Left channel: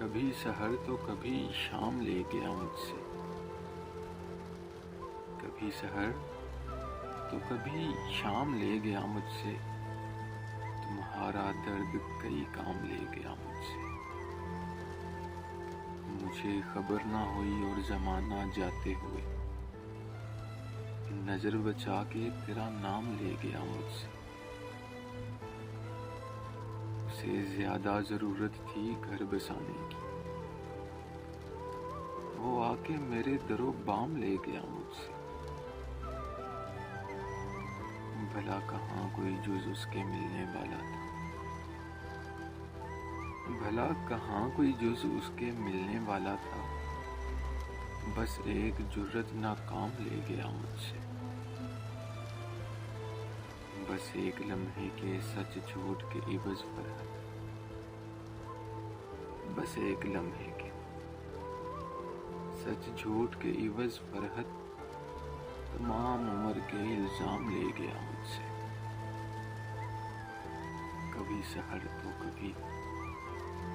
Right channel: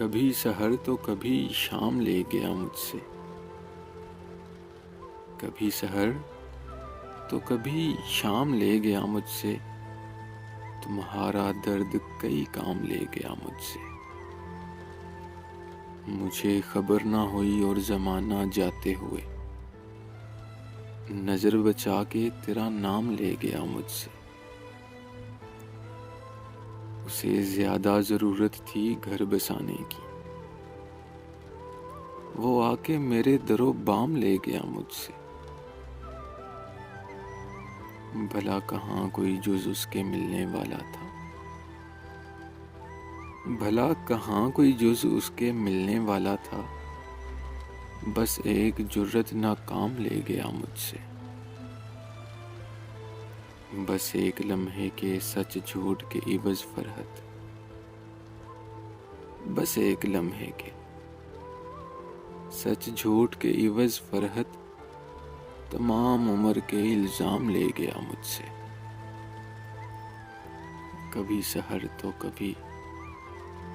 کبھی سحر تو کبھی شام لے گیا مجھ سے، کبھی سحر تو کبھی شام لے گیا مجھ سے، تمہارا درد کئی کام لے گیا مجھ سے۔ مجھے خبر نہ ہوئی اور زمانہ جاتے ہوئے نظر بچا کے تیرا نام لے گیا مجھ سے۔ اسے زیادہ ضرورت تھی گھر بسانے کی، وہ آ کے میرے در و بام لے گیا مجھ سے۔ بھلا کہاں کوئی جز اس کے ملنے والا تھا، بھلا کہاں کوئی جز اس کے ملنے والا تھا، بس ایک جرت ناکام لے گیا مجھ سے۔ بس ایک لمحے کے سچ جھوٹ کے عوض فرحت، بس ایک لمحے کے سچ جھوٹ کے عوض فرحت، تمام عمر کے الزام لے گیا مجھ سے۔ کبھی سحر تو کبھی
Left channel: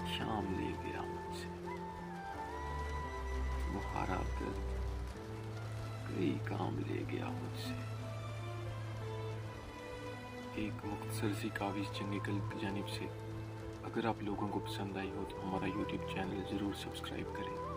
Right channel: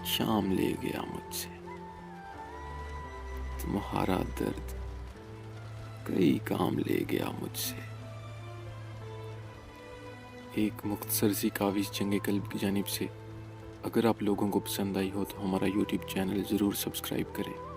شام لے گیا مجھ سے، تمہارا درد کئی کام لے گیا مجھ سے۔ ایک مختصر سی کاوش جنگ قلب کی جانب سے۔ اگر آپ لوگوں کو پسند آئی ہو تو ہمارا یوٹیوب چینل ضرور سبسکرائب کریں۔